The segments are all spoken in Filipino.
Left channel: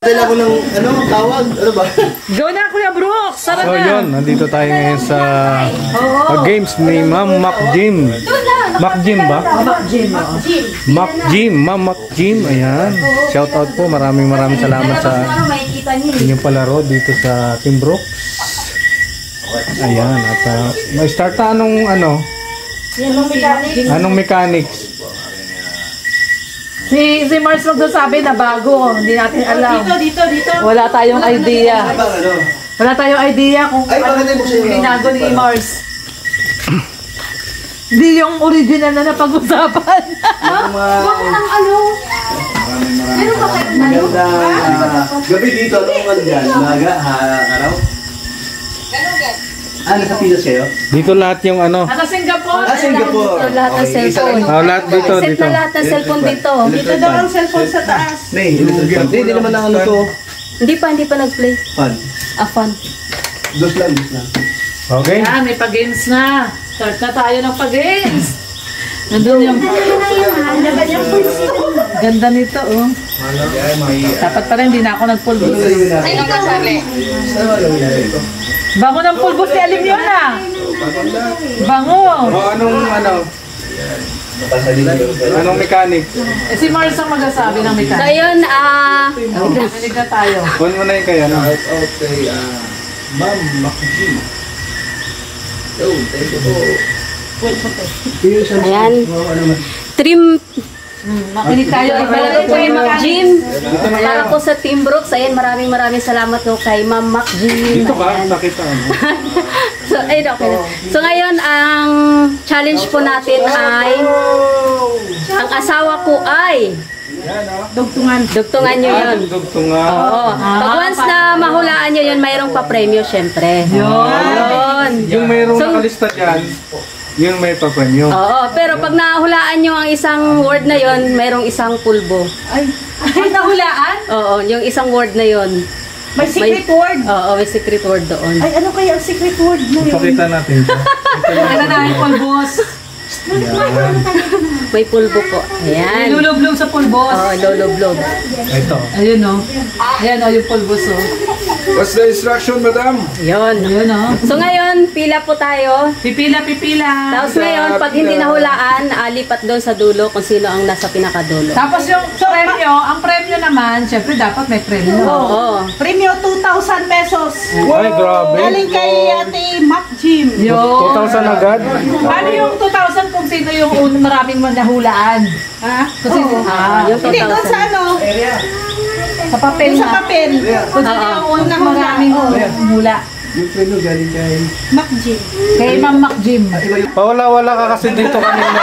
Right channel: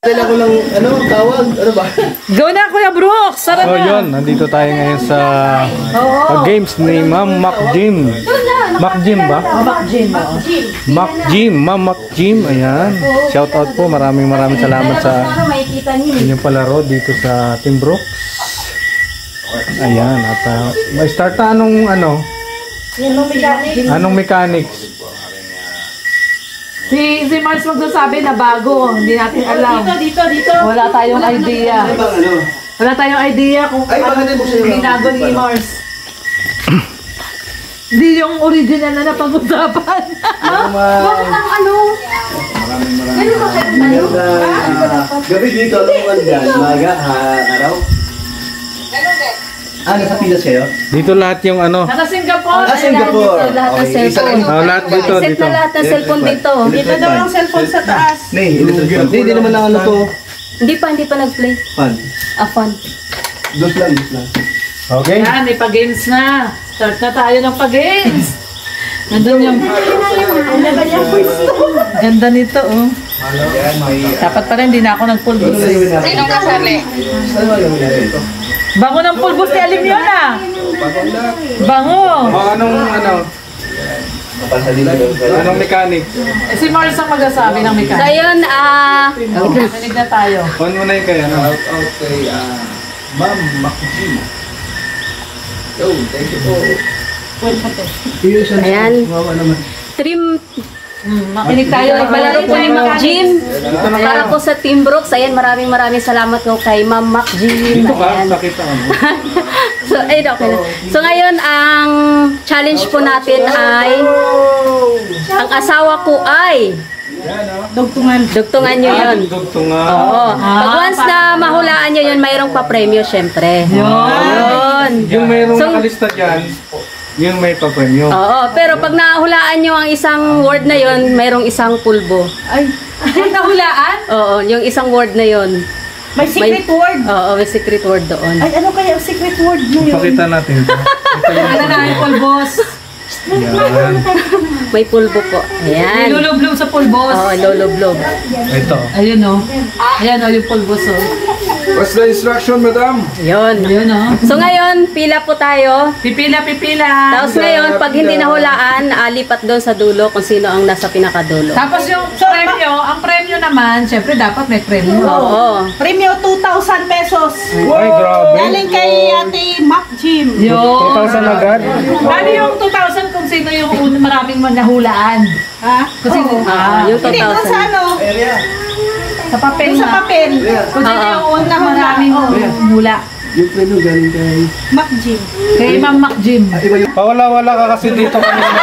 Dala ko ng tawag, ano ba? Go na Kuya Brooks! Sarap So yun, nandito tayo ngayon sa games ni Ma'am Mac Jim. Mac Jim ba? Mac Jim. Mac Jim, Ma'am Mac Jim. Ayan. Shout out po. Maraming salamat sa inyong palaro dito sa Team Brooks. Ayan. At may start na anong mechanics? Si Mars magsasabi na bago, hindi natin alam. Dito. Wala tayong idea. Wala tayong idea kung binago ni Mars. Hindi yung original na napag-usapan. Bakit ang meron ba kayo tayo? Gabi dito, ano dyan? Maga, araw? Nasa Pinas kayo? Dito lahat yung Nasa Singapore. Singapore. Dito lahat ng cellphone. lahat dito. Set na lahat ng cellphone dito. Dito daw ang cellphone sa taas. Hindi naman ang to. Hindi pa nag-play. Fun. Fun. Dos lang. Okay. Yan, may pag-games na. Start na tayo ng pag-games. Nandun yung... Ganda nito, oh. Dapat pa rin, hindi na ako nag-pulbos. Sino kasali? Bango ng pulbos ni Alim yun, ah. Bango. Anong mechanics? Si Mars ang magsasabi ng So mechanics. yun, Nanig na tayo. On mo na yung kaya. Okay, Ma'am Makujin. Thank you po. ayan. Trim. Makinig tayo. Palaro po yung Mac Jim. Para po sa Team Brooks. Ayan, maraming salamat po kay Ma'am Mac Jim. Dito ka, Ayan. nakita mo. Okay na. So ngayon, ang challenge po natin ay ang asawa ko ay dugtungan nyo yun. Oo. Pag once na mahulaan nyo yun, mayroong pa-premyo syempre. Yun. Yung mayroong nakalista dyan, yun may pa-premyo. Oo. Pero pag nahulaan nyo ang isang word na yun, mayroong isang pulbo. Ay, nahulaan? Oo. Yung isang word na yun. May secret word? Oo. May secret word doon. Ay, ano kaya ang secret word na yun? Pakita natin ito. Ano na ang pulbos? May pulbo po. Ayan. Lulublob sa pulbos. Oo. Loloblob. Ito. Ayun, oh. Ayan, oh, yung pulbos, oh. What's the instruction, madam? Yun. Ayun, oh. So ngayon, pila po tayo. Pipila. Tapos ngayon, pag hindi nahulaan, lipat doon sa dulo kung sino ang nasa pinakadulo. Tapos yung premyo, ang premyo naman, syempre dapat may premyo. Oo. Premyo 2,000 pesos. Ay, grabe. Galing kay Ate Mac Jim. 2,000 agad? Bali yung 2,000 kung sino yung maraming manahulaan. Ha? Kung sino, Yung Hindi doon sa 2,000. sa papel Sa na. papel. Kung sino yung maraming hula. Yung preno galing kay... Mac Jim. Kay Ma'am Mac Jim. Pawala-wala ka kasi dito kanina.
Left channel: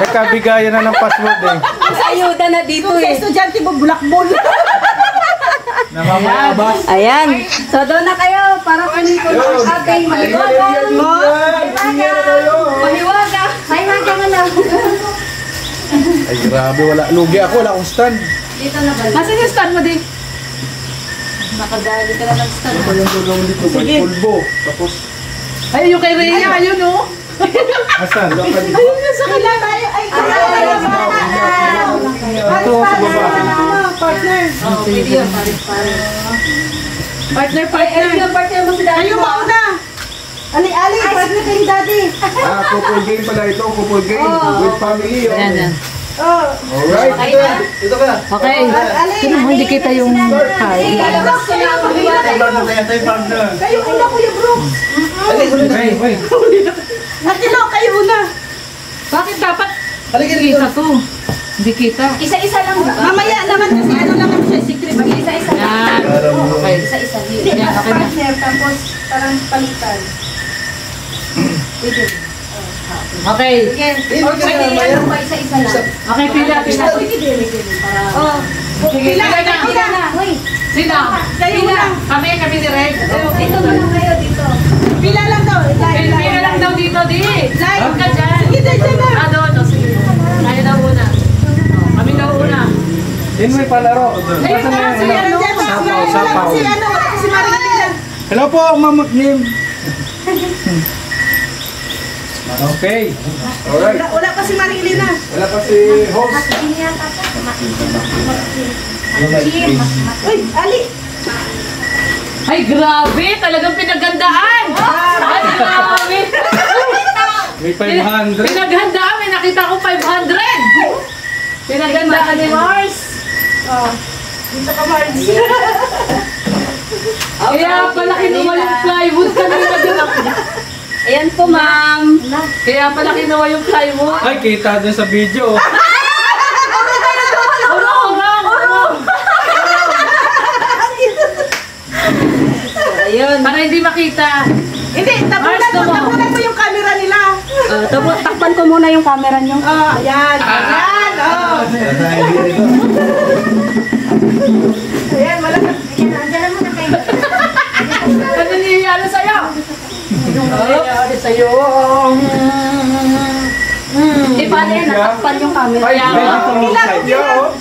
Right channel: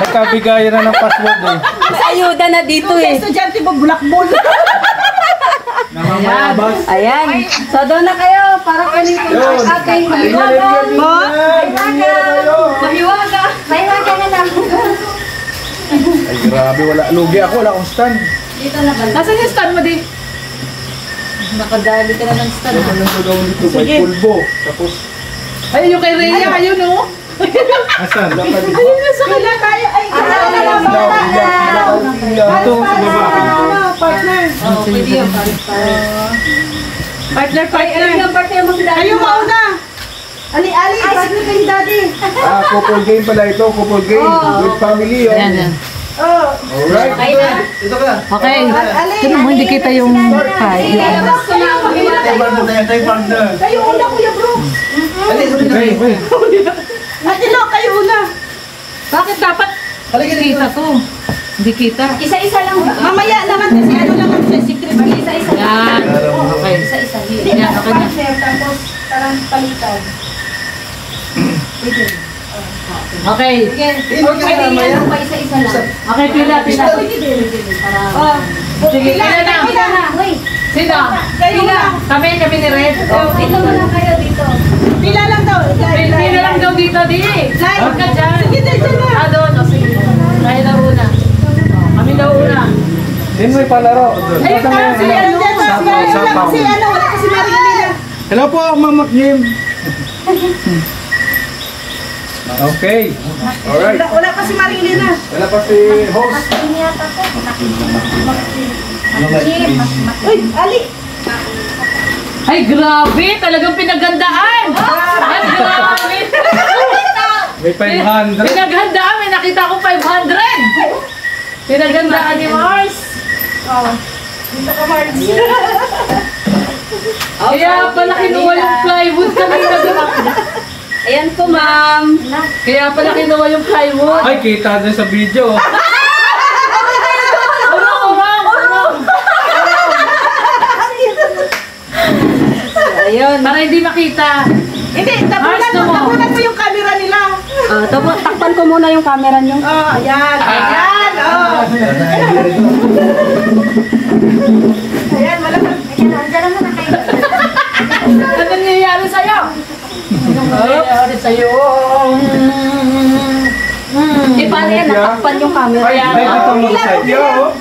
Nagkabigayan na ng password eh. Sa ayuda na dito Yung sa eh. estudyante mo, bulakbol. Ayan. Ayan. So doon na kayo para kanito ng ating mahiwaga. Mahiwaga. Mahiwaga nga lang. Ay, grabe. Lugi ako. Wala akong stand. Dito na ba? Nasaan yung stand mo din? Nakadali ka na ng stand. May pulbo. Tapos, Ayun yung kay Rhea, ayun, oh. asan? Ayun yung sa kanya. Tayo ay Ito sa baba. partner. Pwede yun. Partner. Partner mo si Daddy. Kayo mauna. Ali, partner kay Daddy. Couple game pala ito. Couple game. With family. Ayan, yan. Oh. Alright. Okay na. Ito ka. Okay. Ali, Pero hindi kita yung kay. Ilalabas ko na. Partner na yan, tayo partner. Kayo una, Kuya Brooks. Ate Lo, kayo una. Bakit dapat Halika dito. kita to? Hindi kita. Isa-isa lang. Mamaya naman kasi ano lang siya, secret. Isa-isa lang. Yan. Okay. Isa-isa. Hindi, Yan, okay na. partner, tapos parang palitan. Okay. Pwede yan. Isa-isa lang. Okay, pila. Oh. Sige, Pila, pila na. pila na. Sino? Kayo Pila. lang. Kami ni Red. Dito mo lang kayo dito. Pila lang daw. Pila lang daw dito, di. Huwag ka dyan. Sige, dyan na. Doon. Sige. Tayo daw una. Kami daw una. Din may palaro. Ayun na, si ano. Si ano, si Marilyn. Hello po, Ma'am Mac Jim. Okay. Alright. Wala pa si Marilina. Wala pa si host. Uy, Ali. Ay, grabe! Talagang pinagandaan! Ay, grabe! May 500. Pinaghandaan! May nakita ko 500! Pinaghandaan ni Mars! Dito ka, Marge. Kaya pala kinuha yung plywood kanina din. Ayan po, ma'am. Kaya pala kinuha yung plywood. Ay, kita din sa video. Ayun. Para hindi makita. Hindi, tapunan mo yung camera nila. Takpan ko muna yung camera nyo. Ayan, ayan. Ayan, wala ka. Ano nangyayari sa'yo? Ano nangyayari sa'yo? Di paano yan? Natakpan yung camera. Ay, dito mo sa side.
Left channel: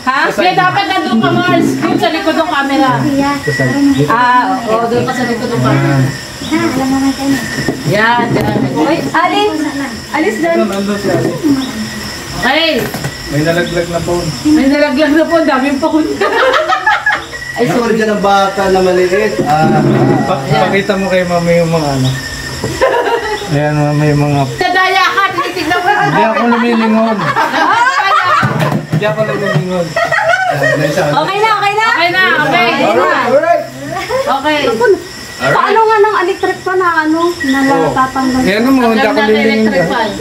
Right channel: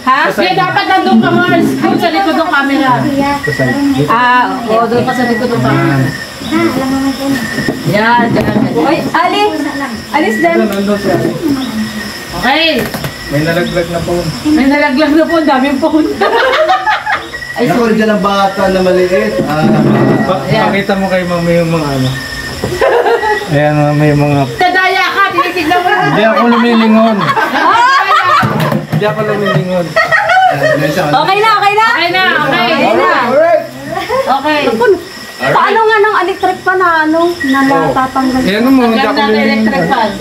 Ha? Kaya dapat nandun ka, Mars. Doon sa likod ng camera. Oo, doon ka sa likod ng camera. Yan, dyan. Uy, alis dyan. Nandun siya. Okay. May nalaglag na phone. May nalaglag na po. Ang daming phone. Nakuha dyan ang bata na maliit. Pakita mo kay mami yung mga ano. Ayan, may mga... Tadaya ka. Tinitignan mo. Hindi ako lumilingon. Hindi ako lumilingon. Okay na, okay na. Okay na, okay. Alright. Okay. Paano nga ng electric pa na na natatanggal? Yan mo, hindi ako Hanggang natin electric lumilingon. fan.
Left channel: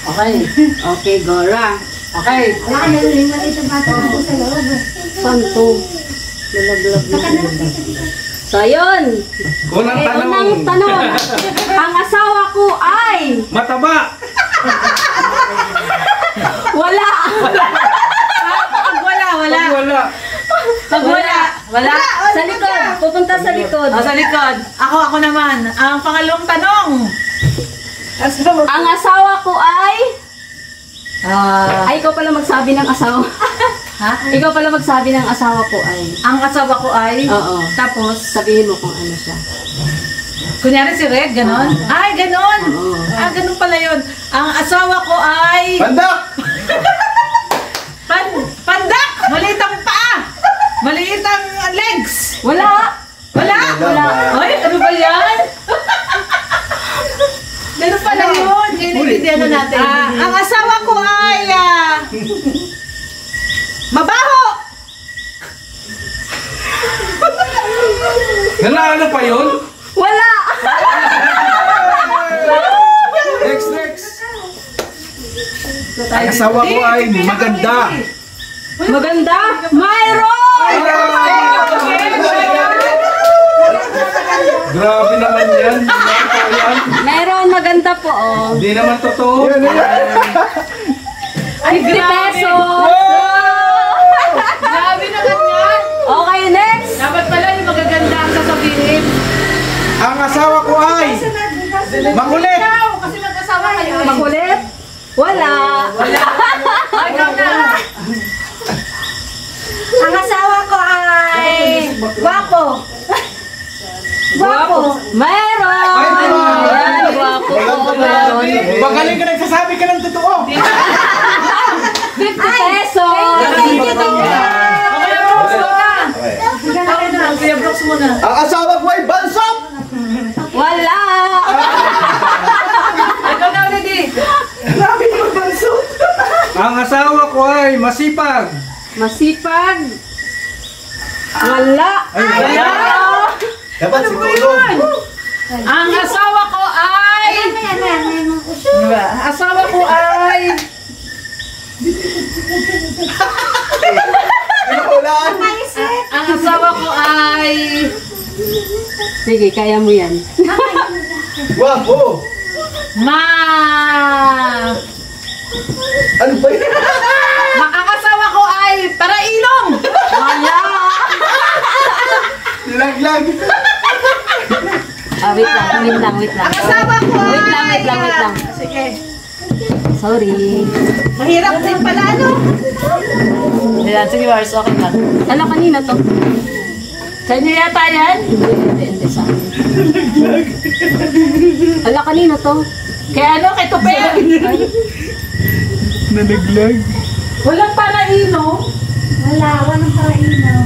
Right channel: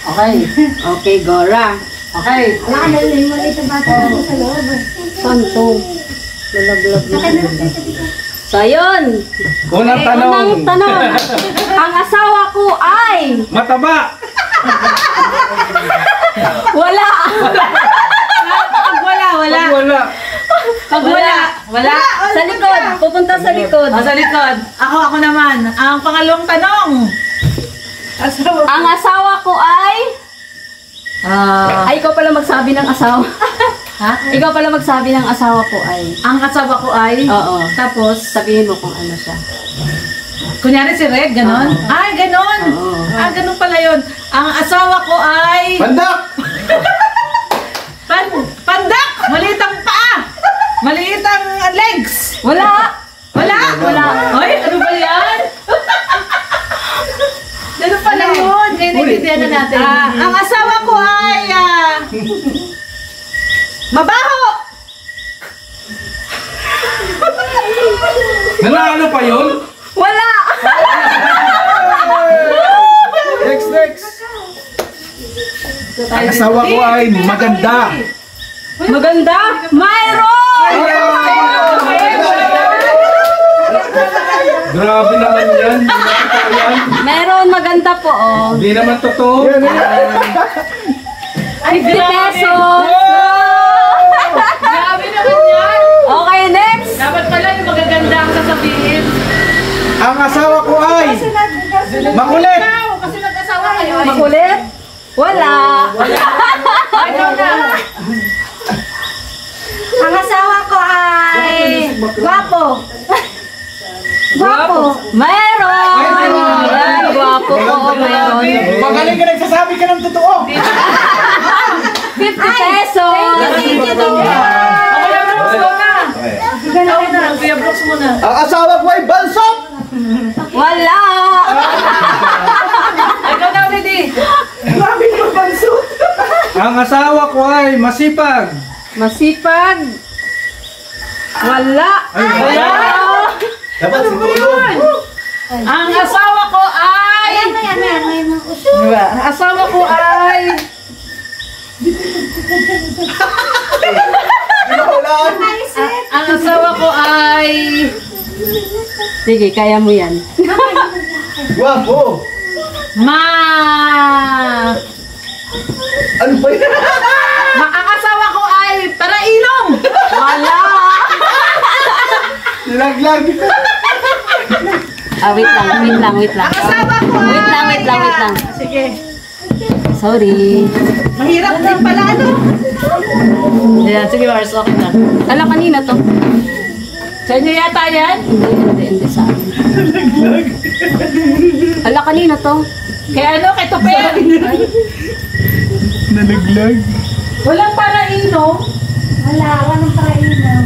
Okay. Okay, Gora. Okay. Santo. Lalaglag na. So, ayun. Unang tanong. Unang tanong. Ang asawa ko ay Mataba. wala. Pag wala, wala. Wala. Pag wala, wala. Sa likod. Pupunta sa likod. Sa likod. Ako naman. Ang pangalawang tanong. Ang asawa ko ay... Ay, ikaw pala magsabi ng asawa. Ha? Ikaw pala magsabi ng asawa ko ay... Ang asawa ko ay... Oo. Tapos, Sabihin mo kung ano siya. kunyari si Reg, ganon? Ay, ganon! Oo. Ganon pala yun. Ang asawa ko ay... Pandak! Pandak! Maliit ang paa! Maliit ang legs! Wala! Wala? Wala. Ay, ano ba yan? Ganon pala yun. Kaya nagtitignan na natin. Ang asawa ko ay... mabaho! Nanalo pa yun? Wala! Next. Ang asawa ko ay maganda. Maganda? Mayroon! Grabe naman yan. Mayroon maganda po, oh. Hindi naman totoo. 50 pesos! Grabe naman yan. Okay, next! Dapat pala yung magaganda ang sasabihin. Ang asawa ko ay makulit. Kasi mag-asawa kayo. Makulit? Wala! Ay, wala. Ang asawa ko ay... gwapo! Gwapo! Mayroon! Ayan, guwapo po, mayroon. Magaling ka nagsasabi ka ng totoo. 50 pesos! Thank you. Kuya Brooks muna. Ikaw na, Kuya Brooks muna. Ang asawa ko ay bansot! Wala! Ikaw na ulit eh. Grabe yung bansot! Ang asawa ko ay masipag. Masipag! Wala! Wala. Dapat siguro. Ang asawa ko ay... Ang asawa ko ay... Pinukulaan. Ang asawa ko ay... Sige, kaya mo yan. Guwapo! Ano ba yun? Ang asawa ko ay parailong! Wala! Laglag. Wait lang. Ang asawa ko ay... Wait lang. Sige. Sorry. Mahirap din pala, ano? Ayan, sige Mars, okay na. Alam, kanina to. Sa inyo yata yan? Hindi sa akin. Ala, kanina to. Kaya ano, kay Tupper? Nalaglag. Walang paraino. Walang parainan.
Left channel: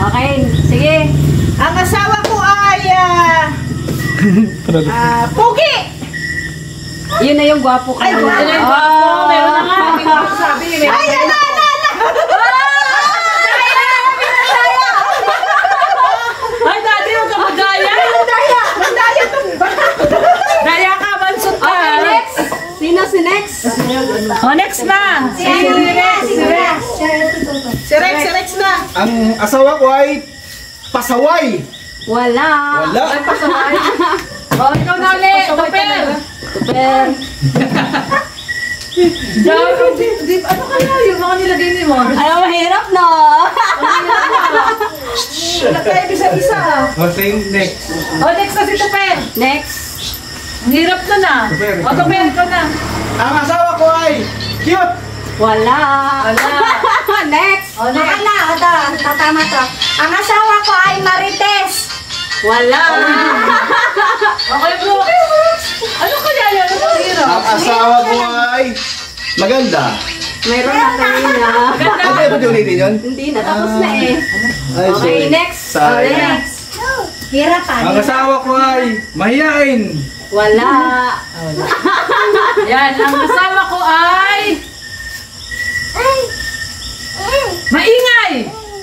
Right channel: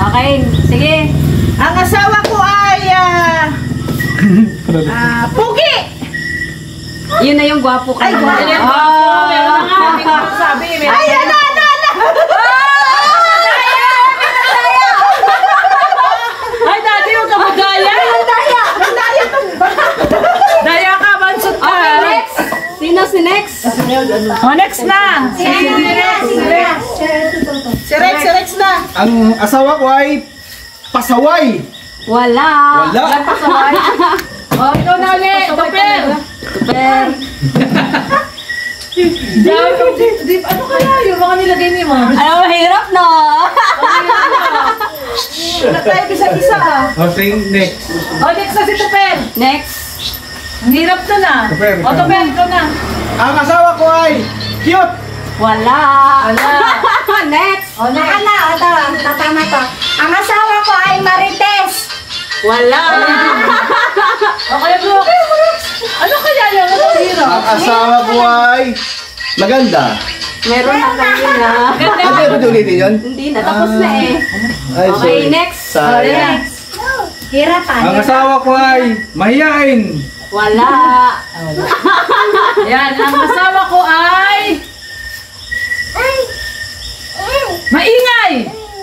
Okay, sige. Ang asawa ko ay Pugi! Yun na yung gwapo ko. Ay, gwapo. Meron na nga. Hindi nga ako sabi. Ay, ala! Ay, dati yung kamagaya. Daya to! Daya ka, mansot ka. Okay, next. Sino si next? Oh, next na. Si Rex na! Ang asawa ko ay pasaway. Wala. Wala. Oh, ikaw na ulit. Tupper. Tupper. Ano kaya yung mga nilagay ni mo? Ano, mahirap, no? Tayo isa-isa. Okay, next. Oh, next na si Tupper. Next. Ang hirap na na. Tupper, Oh, Tupper, ikaw na. Ang asawa ko ay cute. Wala. Wala. Next. Oh, next. Tatama to. Ang asawa ko ay Marites. Wala. Okay, bro. Ano kaya yan? Ano hirap? Ang asawa ko ay maganda. Meron na kanina. Ano ba ulitin yun? Hindi na, tapos na eh. Ay, Okay, sorry. next. Sayang. Next. Hirapan. Ang asawa ko ay mahiyain. Wala. Yan, ang asawa ko ay... Maingay!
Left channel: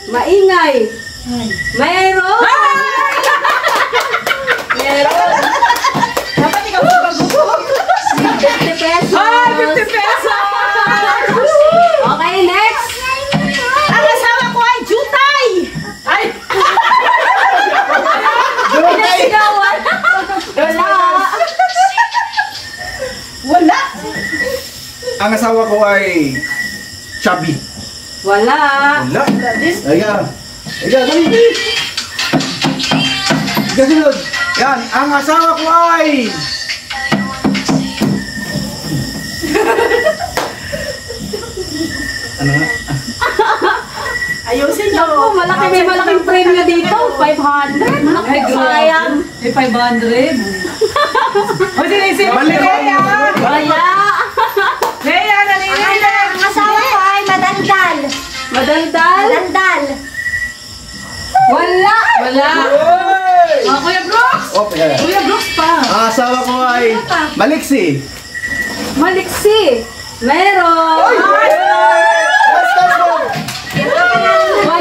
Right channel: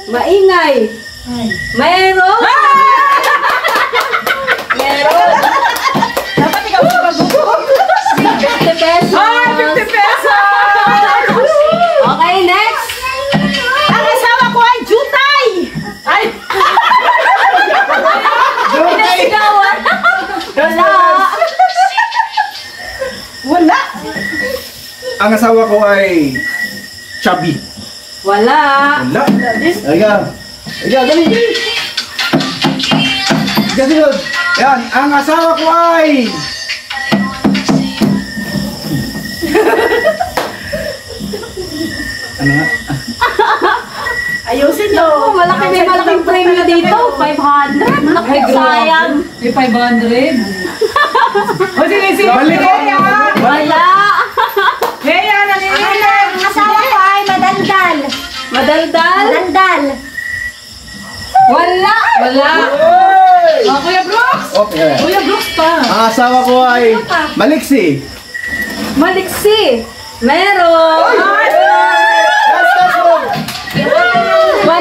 Maingay. Meron. Meron. Dapat ikaw magugup. 50 pesos. Ay, 50 pesos! Okay, next. Ang asawa ko ay Jutay. Ay! Pinasigawan. Wala. Wala. Ang asawa ko ay chubby. Wala. Wala. Ayan. Ayan, dali, dali. Kasunod. Yan, ang asawa ko ay... Ano nga? Ayusin nyo. Oh, malaki, may malaking premyo dito. 500. Malaki, Ay, grabe. sayang. May 500. O, sige, sige. Balik ko. Wala. Kaya, nanginginig. Ang asawa ko ay Madaldal. Madaldal. Madaldal. Wala. Wala. Oh, Kuya Brooks. Okay. Kuya Brooks pa. Ang asawa ko ay maliksi. Maliksi. Meron. Let's go. 100.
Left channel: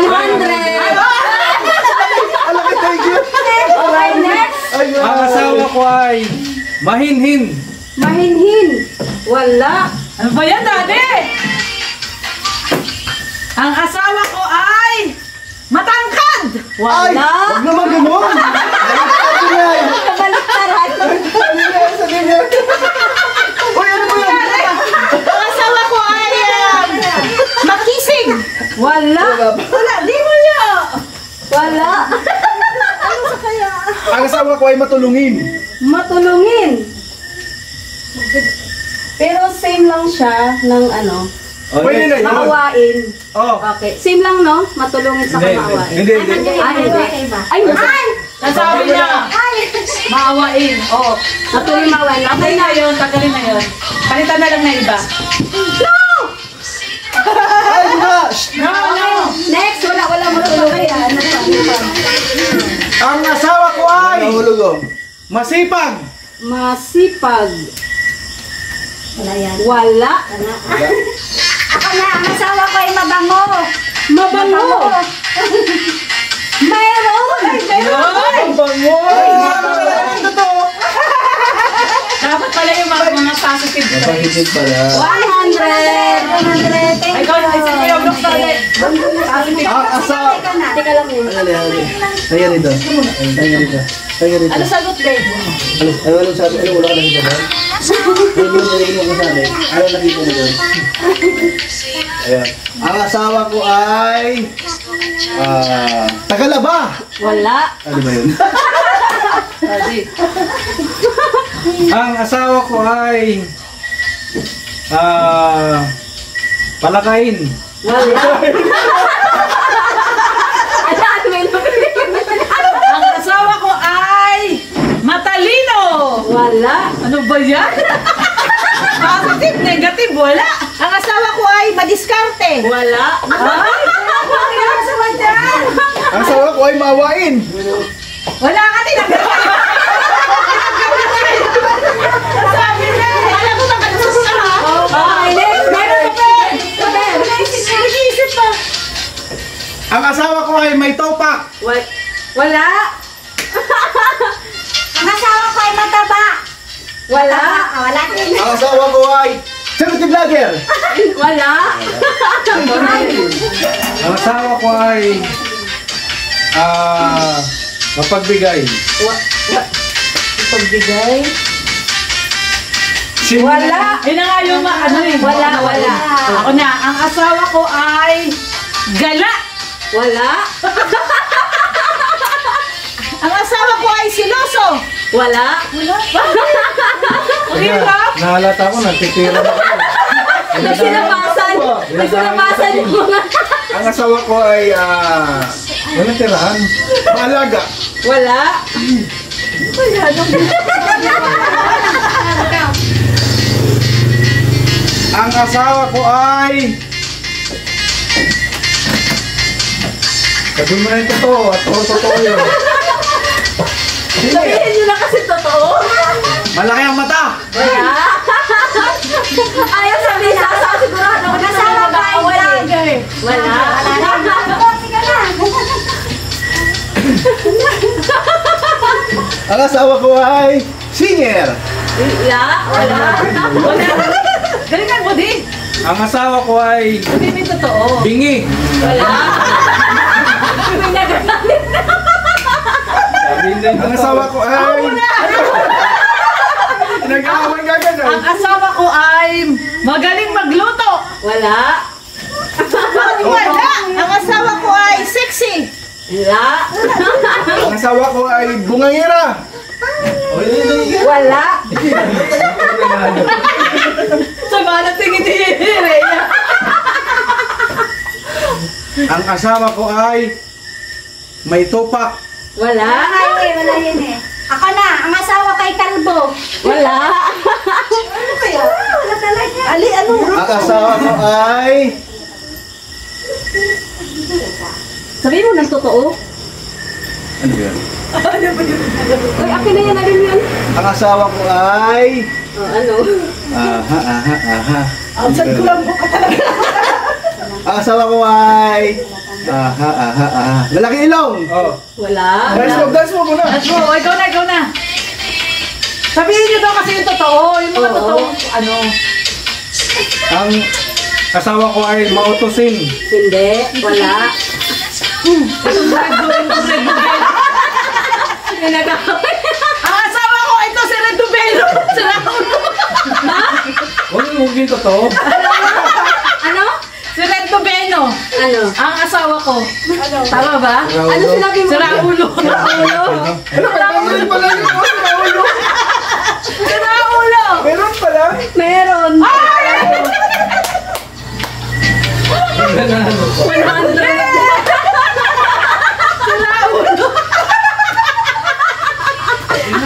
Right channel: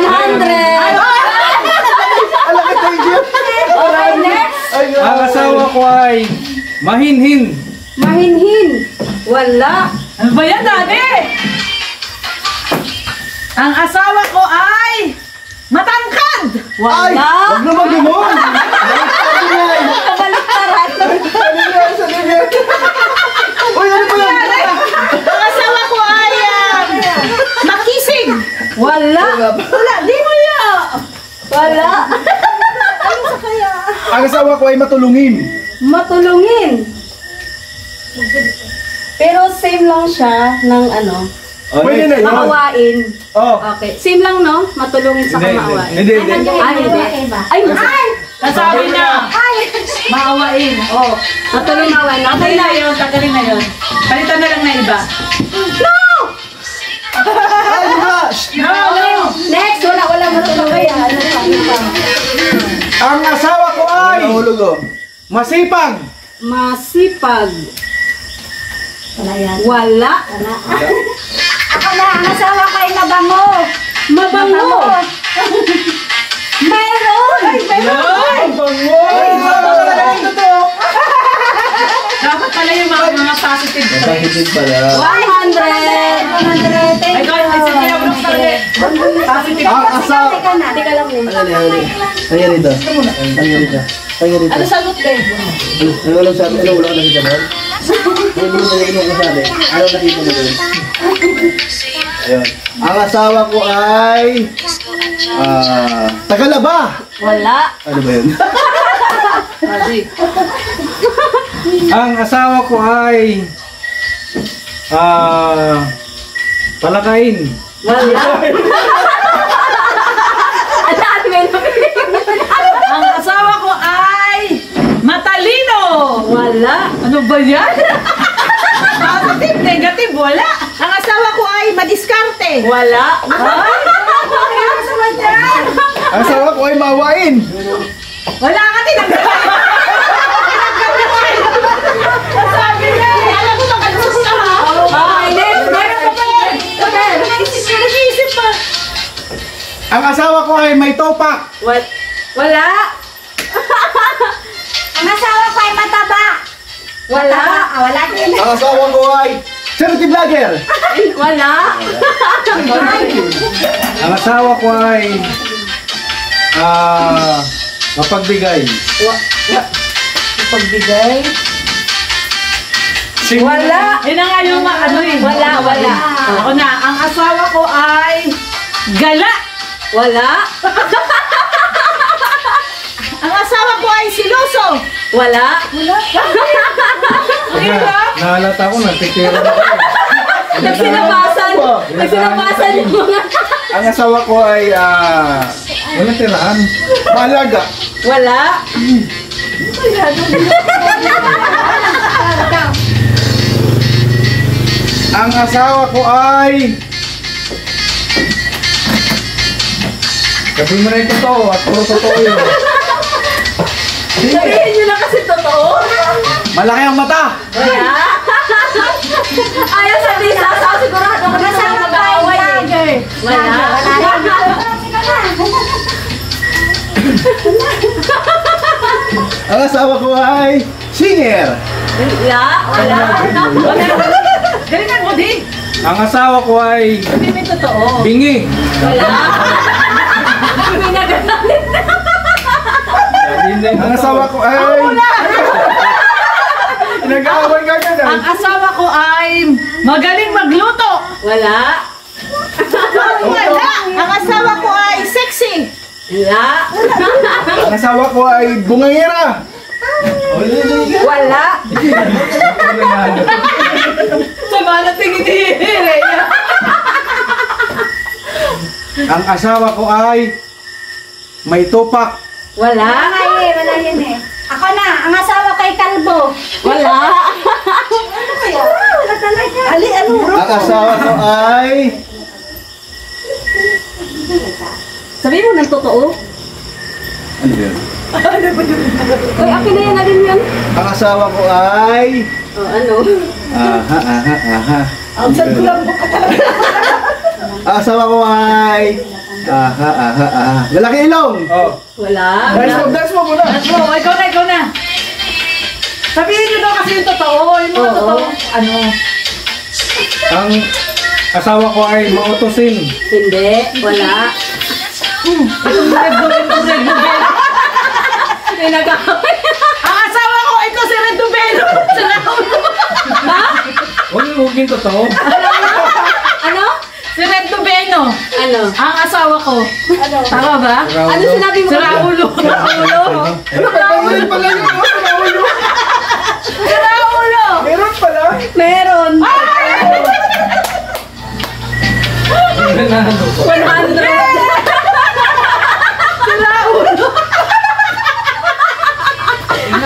Alaki, thank you. Okay, next. Ayun. Ang asawa ko ay mahinhin. Mahinhin. Wala. Ano ba yan, Daddy? Ang asawa ko ay matangkad. Ay, Wala. wag naman gano'n. Baliktad yan. Kabaliktaran. Sa ganyan. Uy, ano ba yan? Ang asawa ko ay Makisig. Wala. Wala. Di mo yan. Wala. Ano sa kaya? Ang asawa ko ay matulungin. Matulungin. Pero same lang siya ng ano, Pwede na yun. maawain. Oh. Okay. Same lang, no? Matulungin sa Hindi, maawain. hindi, hindi. Ay, ay! Nasabi na. Maawain. Oh. Matulungin maawain. Okay na yun. Tagalin na yun. Palitan na lang na iba. Ay, diba? No. Next, wala matulungin. Ano pa? Ang asawa ko ay masipag. Masipag. Wala yan. Wala. Ako na, ang asawa ko ay mabango. Mabango. Meron. Ay, meron. Ang bango. Ay, sama ka lang ang totoo. Dapat pala yung mga positive. Positive pala. 100. 100. Thank Ay, God, you. listen to your Brooks pala. Positive. Ang asawa. Teka lang yun. Kaya rito. Kaya rito. Kaya rito. Ano sagot, Dave? Ano sabi? Ano wala ka nakita doon? Ano sabi? Ano nakita mo doon? Ayun. Ang asawa ko ay Tagalaba. Wala. Ano ba yun? Daddy. Ang asawa ko ay palakain. Wala. Wala. Ano ba yan? Positive, negative, wala. Ang asawa ko ay madiskarte. Wala. Ang asawa ko ay maawain. Wala ka tinagawin. Sabi na eh. Alam mo nakalusot ka ha? Meron pa pa. Nag-iisip pa. Ang asawa ko ay may topak. Wala. Ang asawa ko ay mataba. Wala. Wala din. Ang asawa ko ay charity vlogger. Wala. Ang asawa ko ay mapagbigay. Pagbigay. Wala. Yun na nga yung ano eh. Wala. Ako na, ang asawa ko ay gala. Wala. Ang asawa ko ay siloso. Wala. Okay ba? Nahalata ko, nagtitira na ako. Nagsinapasan yung mga... Ang asawa ko ay Walang tirahan. maalaga. Wala. Ang asawa ko ay Sabihin mo na yung totoo at puro totoo yun. Sabihin nyo na kasi totoo. malaki ang mata. Wala. Ayaw sabihin sa asawa, sigurado ako na Asawa ko ay vlogger. Wala. Ang asawa ko ay singer. Wala. Galingan mo din. Ang asawa ko ay Hindi mo totoo. bingi. Wala. Pinagagalit na. Sabihin na yung Ang totoo. asawa ko ay nag-aaway ka Ang ganyan. asawa ko ay magaling magluto. Wala. Wala. Ang asawa ko ay sexy. Wala. Ang asawa ko ay bungangera. Wala. Sama na tingin-tingin. Ang asawa ko ay may topak. Wala. Wala yun eh. Ako na, ang asawa kay kalbo. Wala. Ano kaya? Wala talaga. Ali, ano? Ang asawa ko ay Sabihin mo ng totoo. ano ba yan? Uy, akin na yan. Alin yan? Ang asawa ko ay Ano? Ang asawa ko ay lalaki ilong. Wala. Dance mo muna. Oh, ikaw na. Sabihin niyo daw kasi yung totoo. Yung mga Oo. totoo. Ano? Ang asawa ko ay mautusin. Hindi. Wala. Red Bull. Ang asawa ko, ito si Red Dubelo. Huwag yung totoo. Ano? Si Red Dubelo. Ano? Ang asawa ko. Tama ba? Ano sinabi mo? Si Raulo. Si Raulo. Meron pala. Meron.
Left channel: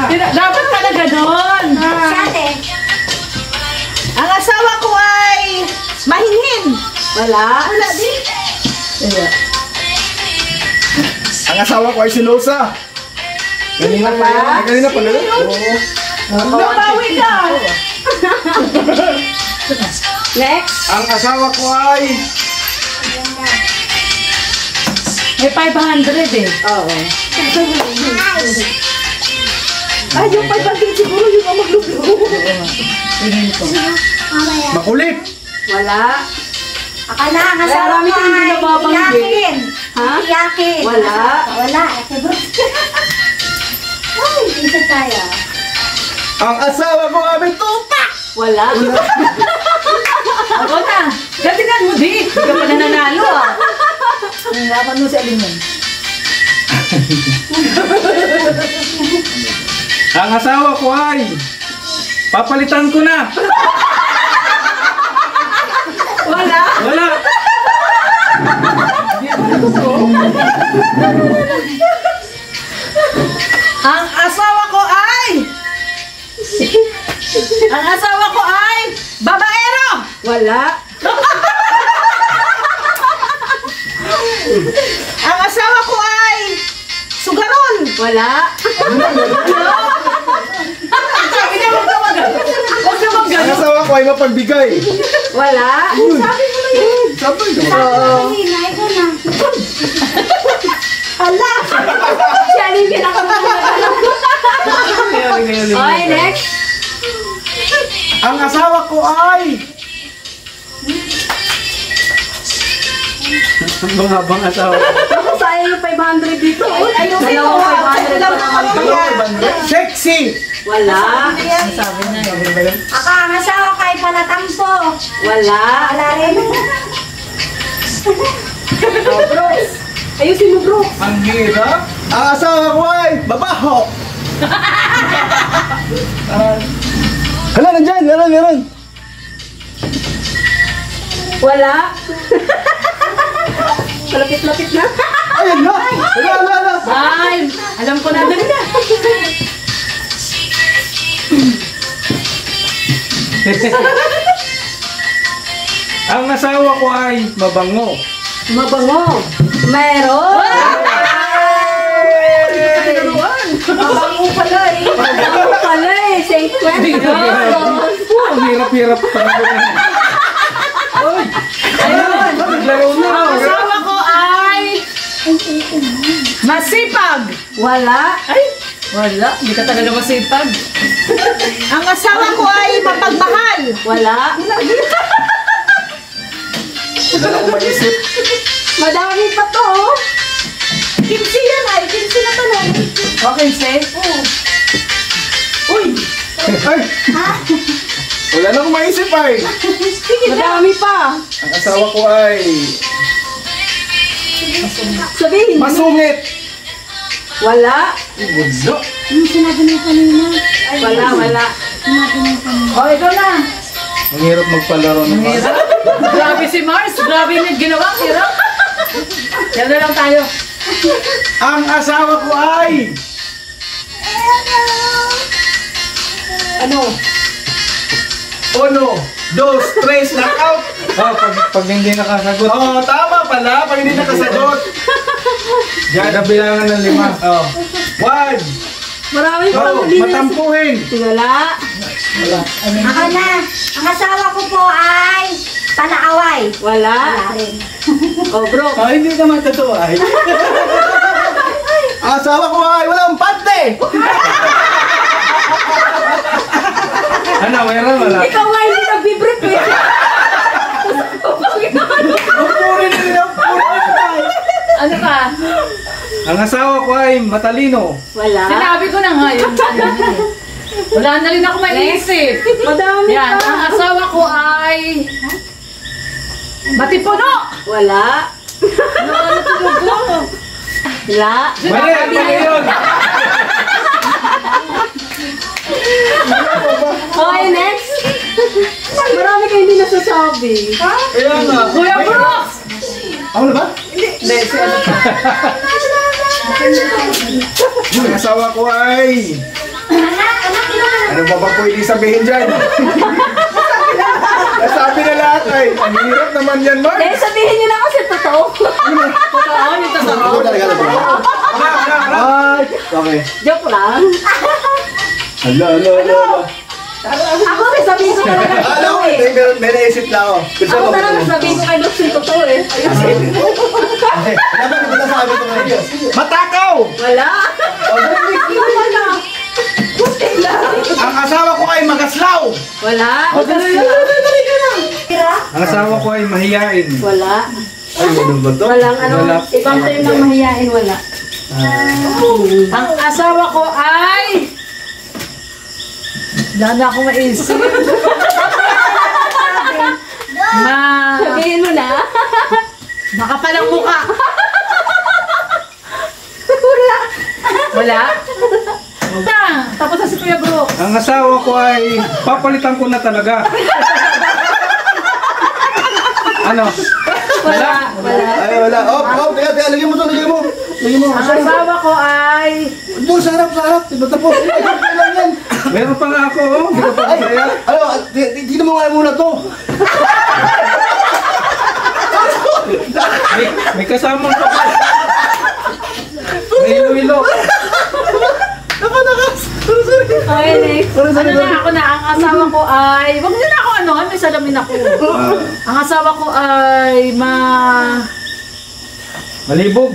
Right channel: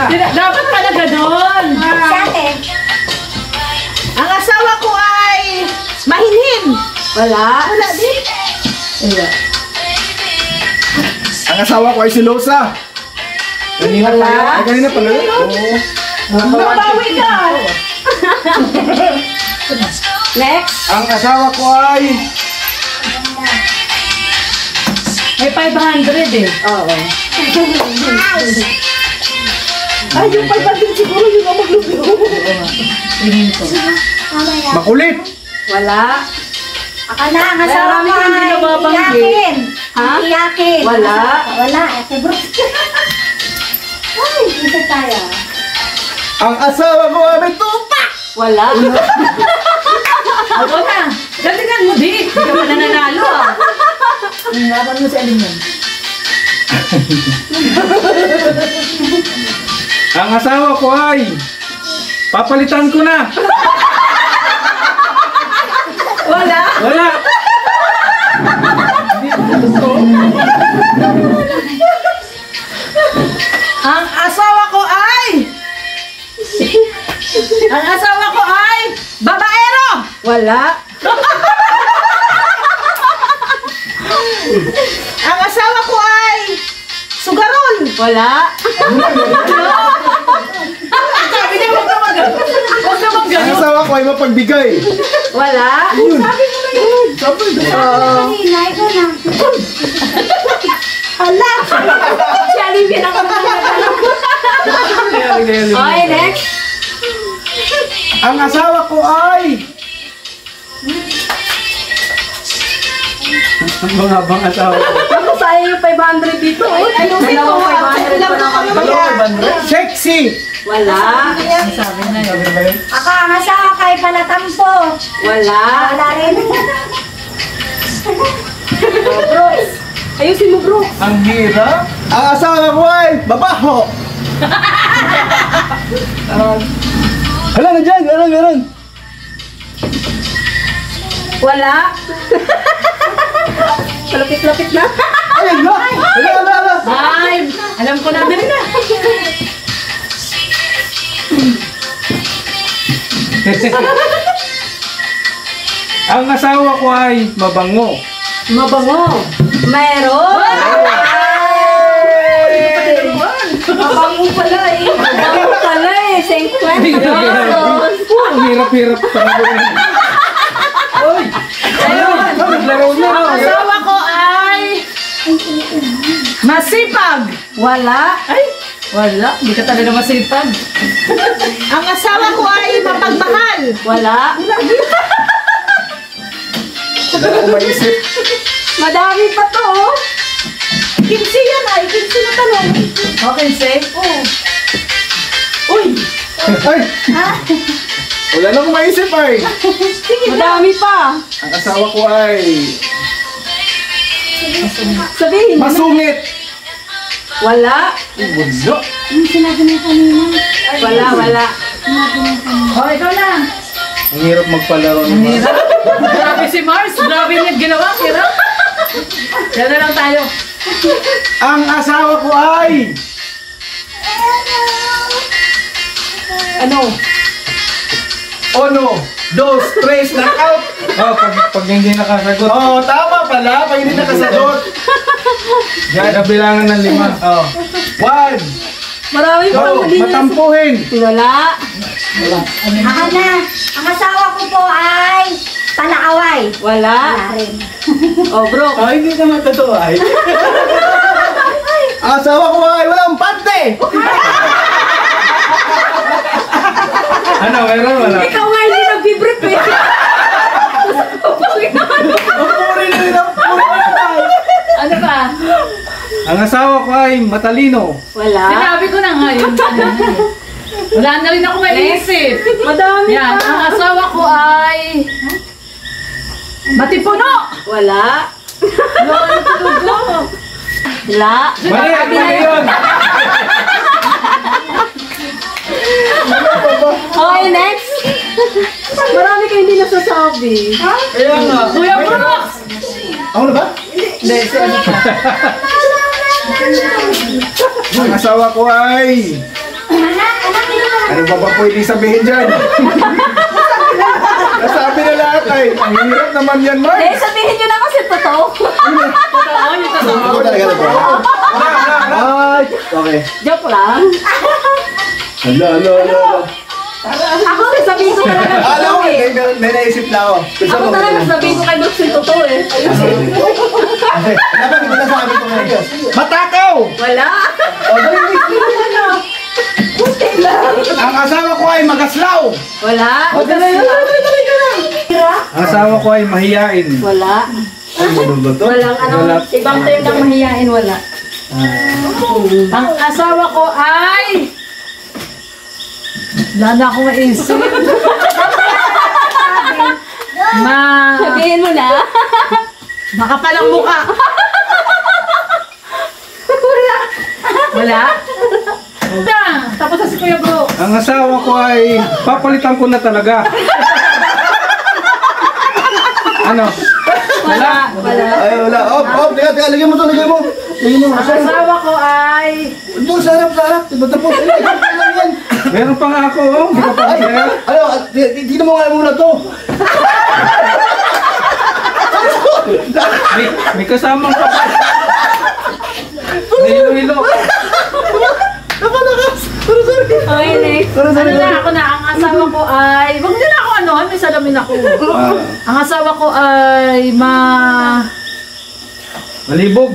100. Dapat pala ganon. Sate. Ang asawa ko ay mahinhin. Wala. Wala din. Ang asawa ko ay silosa. Wala. Ay, kanina pala yun. Nabawi ka. Next. Ang asawa ko ay May 500 eh. Oo. Ay, yung 500 siguro yung ang magluto. makulit. Wala. Ako na, ang asawa Marami ko kang ay binababanggit. yakin. Ha? Yakin. Wala. Wala. Eh, bro. Ay, isa tayo. Ang asawa ko ay may tupak. Wala. Ako na. Galingan mo di. Hindi ka pa nananalo ah. Laban mo si Aliman. Ang asawa ko ay papalitan ko na. Wala. Wala. Ang asawa ko ay Ang asawa ko ay babaero. Wala. Ang asawa ko ay sugarol. Wala. Ang asawa ko ay mapagbigay. Wala. Sabi mo na yun. Sabi na. Kanina, ikaw na. Hala! Si Alin pinakamalala. Okay, next. Ang asawa ko ay... Ang mga bang asawa ko. Ako sa iyo 500 dito. Ayun ito, lang na kami. Sexy! Wala. Ako ang asawa kay Palatampo. Wala. Wala rin. Ayusin mo, bro. Ang hirap. Ang asawa ko ay babaho. Hala, nandyan. Meron. Wala. Malapit-lapit na. Ayun na. Hala. Ay, alam ko na. Ang asawa ko ay mabango. Mabango. Meron. Mabango pala eh. Mabango pala eh. Saint Ang hirap-hirap pa. Naglaro na. Ang asawa ko ay masipag. Wala. Ay, wala. Hindi ka talaga masipag. Ang asawa ko ay mapagmahal. Wala. Wala akong maisip. Madami pa to. Oh. Kimsi yan ay. Kimsi na tanong. Okay, say. Oo. Uy, Ay! Wala na akong maisip ay. Madami pa. Ang asawa ko ay... Sabihin mo. Masungit! Wala. Wala. Yung sinabi mo kanina. Wala. oh, ikaw na. Ang hirap magpalaro ng mga. Grabe si Mars. Grabe yung ginawa. Hirap. Yan na lang tayo. Ang asawa ko ay... Ano? Ono, dos, tres, knockout! Oh, pag hindi nakasagot. Oh, tama pala. Pag hindi nakasagot. Diyan, kabilangan ng 5. Oh. One, Marami pa. two, matampuhin. Wala. Ako na. Ang asawa ko po ay panaaway. Wala. Wala rin. Oh, bro. Oh, hindi naman totoo ay. Ang asawa ko ay walang pante! Ano, mayroon wala? Ikaw nga hindi nag-brief eh. Puri na lang, puri na lang. Ano pa? Ang asawa ko ay matalino. Wala. Sinabi ko na nga yun. Wala na rin ako maiisip. Madami Yan, pa. ang asawa ko ay matipuno. Wala. Wala. Mali yun. Okay, next. Marami kayo hindi nasasabi. Kaya nga. Kuya Brooks! Ako na ba? Hindi, si ano pa? Ang asawa ko ay... Ano ba ba pwede sabihin dyan? Nasabi na lahat ay. Ang hirap naman yan, Mark. Dahil sabihin nyo na kasi totoo. Totoo, yung totoo. Ako talaga na ba? Ay, okay. Joke lang. Hala. Ako sasabihin ko na. Alam ko, may naisip na ako. Kasi Ako talaga sasabihin ko kay Lux yung totoo eh. dapat hindi nasabi ko ngayon. Matakaw! Wala. Ang asawa ko ay magaslaw! Wala. Ang asawa ko ay mahiyain. Wala. Ay, ganun ba to? Walang ano. Wala. Ibang tayo ng mahihain. Wala. Ang asawa ko ay... Wala na akong maisip. Sabihin mo na. Makapalang mukha. Wala. Tapos na si Kuya Brooks. Ang asawa ko ay papalitan ko na talaga. Ano? Wala. Ay, wala. Teka, lagyan mo to, lagyan mo. Lagyan mo. Ang asawa ko ay... Doon, sa harap. Diba tapos? Ay, akin. Meron pa nga ako, oh. Hindi ka pa Ay, masaya. ano, tignan mo nga muna to. May kasama pa ba? May hilo-hilo. Napalakas. Sorry. Okay, next. Sorry. Ako na, ang asawa ko ay, wag nyo na ako ano, may salamin ako. Ang asawa ko ay Malibog.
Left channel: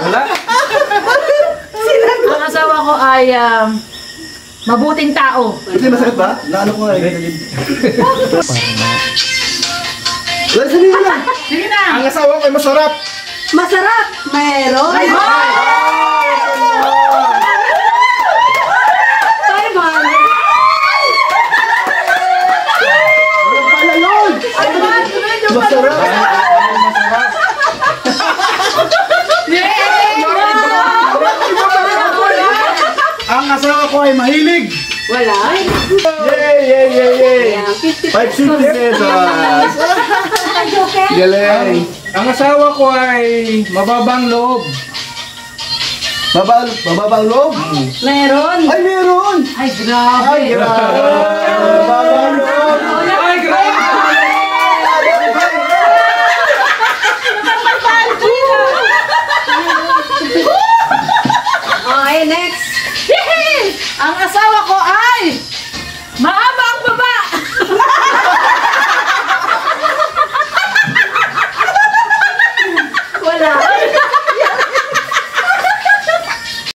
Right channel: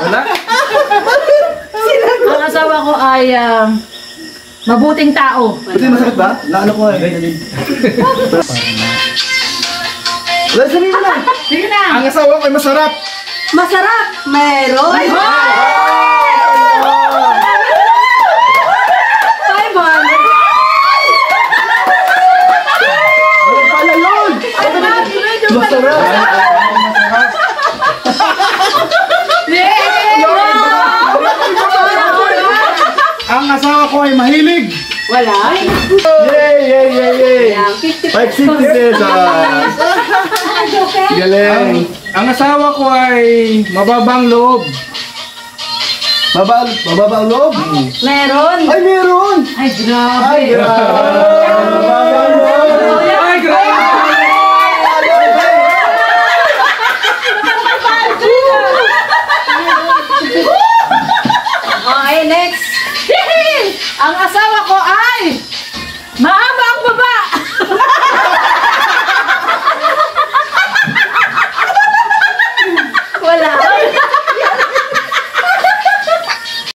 Wala? ang asawa ko ay mabuting tao. Hindi masakit ba? Naano ko nga eh. Wala, sabihin mo na. Sige na. Ang asawa ko ay masarap. Masarap. Meron. Ay, Ano pala yun? Masarap. Ang asawa ko ay mahilig. wala. Yay! 550 pesos. Galing. Ang asawa ko ay mababang loob. Mababang loob? Meron. Ay, meron! Ay, grabe. Ay, grabe! Mababang loob! Ay, grabe! Okay, next. Ang asawa